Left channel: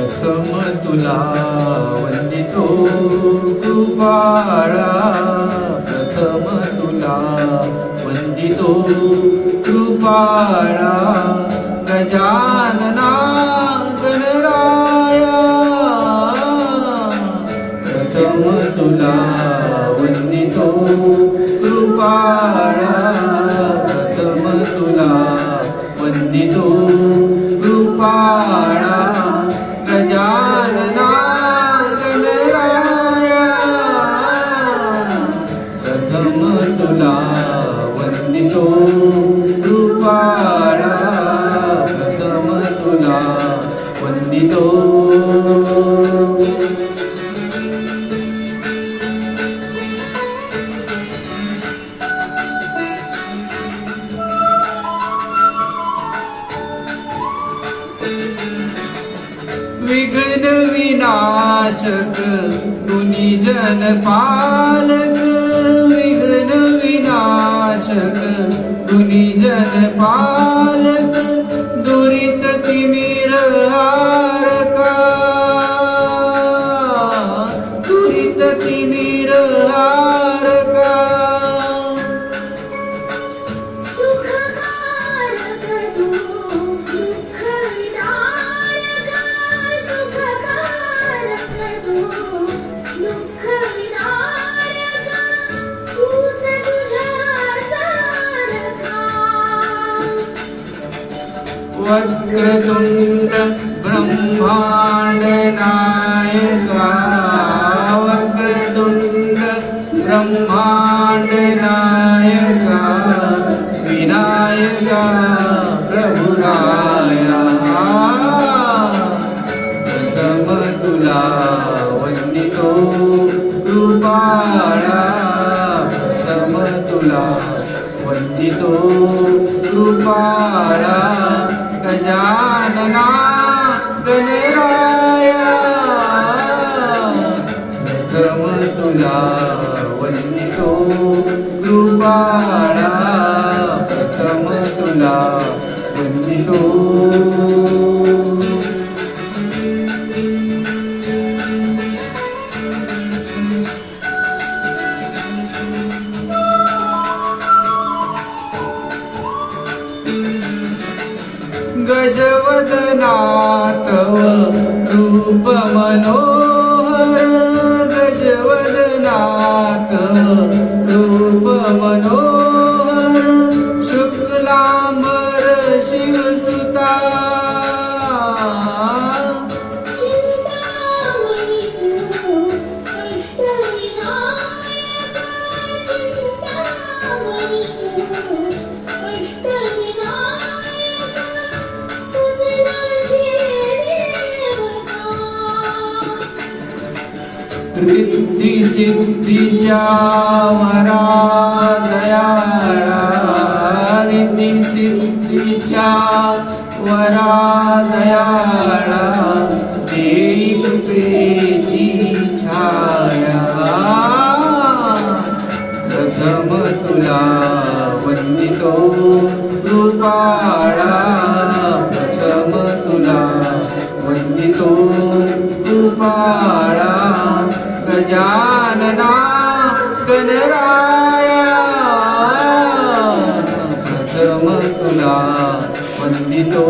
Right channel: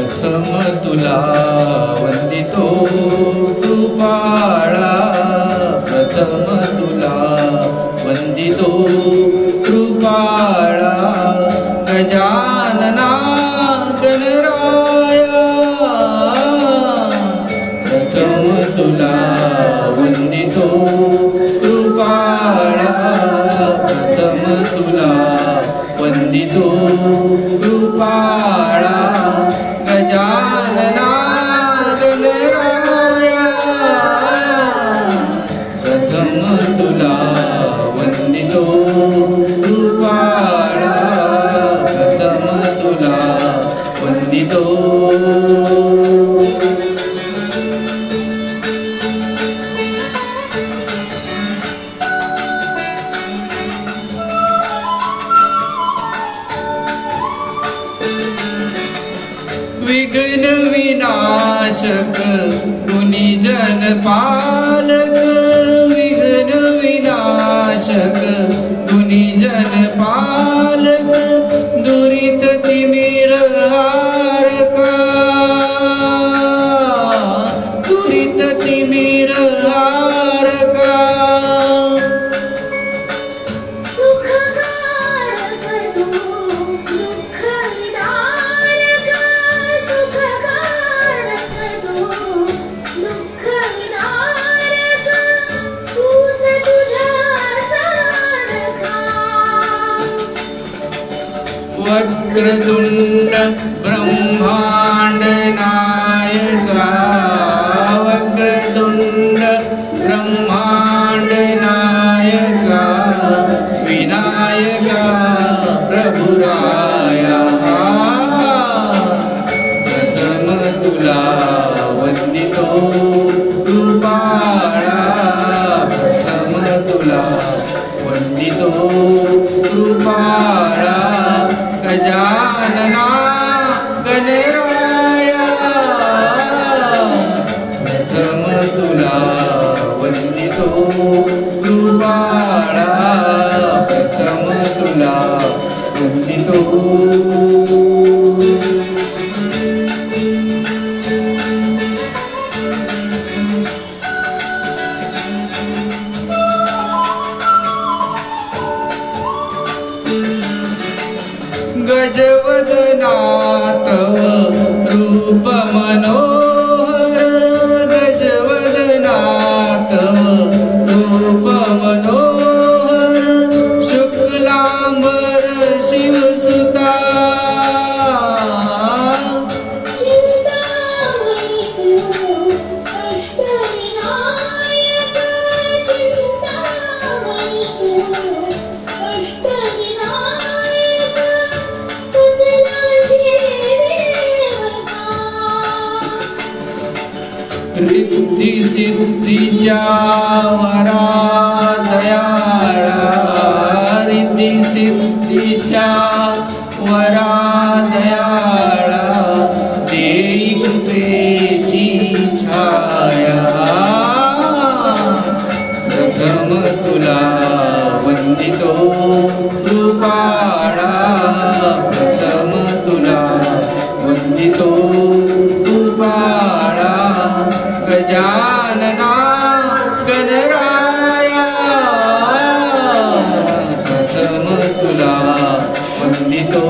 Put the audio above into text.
प्रथम तुला वंदितो कृपाळा, प्रथम तुला वंदितो कृपाळा, गजानना गणराया, प्रथम तुला वंदितो कृपाळा, प्रथम तुला वंदितो कृपाळा, गजानना गणराया, प्रथम तुला वंदितो कृपाळा, प्रथम तुला वंदितो. विघ्न विनाशक गुणीजन पालक, विघ्न विनाशक गुणीजन पालक, दुरित तिमिर हारका, दुरित तिमिर हारका, सुखकारक तू दुःख विदारक, सुखकारक तू दुःख विदारक, तूच तुझ्या सारखा. वक्रतुंड ब्रह्मांड नायका, वक्रतुंड ब्रह्मांड नायका, विनायका प्रभुराया, प्रथम तुला वंदितो कृपाळा, प्रथम तुला वंदितो कृपाळा, गजानना गणराया, प्रथम तुला वंदितो कृपाळा, प्रथम तुला वंदितो. गजवदना तव रूप मनोहर, गजवदना तव रूप मनोहर, शुक्लांबर शिवसुता, चिंतामणी तू अष्टविनायक, चिंतामणी तू अष्टविनायक, सकलांची देवता. रिद्धी सिद्धीच्या वरा दयाळा, रिद्धी सिद्धीच्या वरा दयाळा, देई कृपेची छाया, प्रथम तुला वंदितो कृपाळा, प्रथम तुला वंदितो कृपाळा, गजानना गणराया, प्रथम तुला वंदितो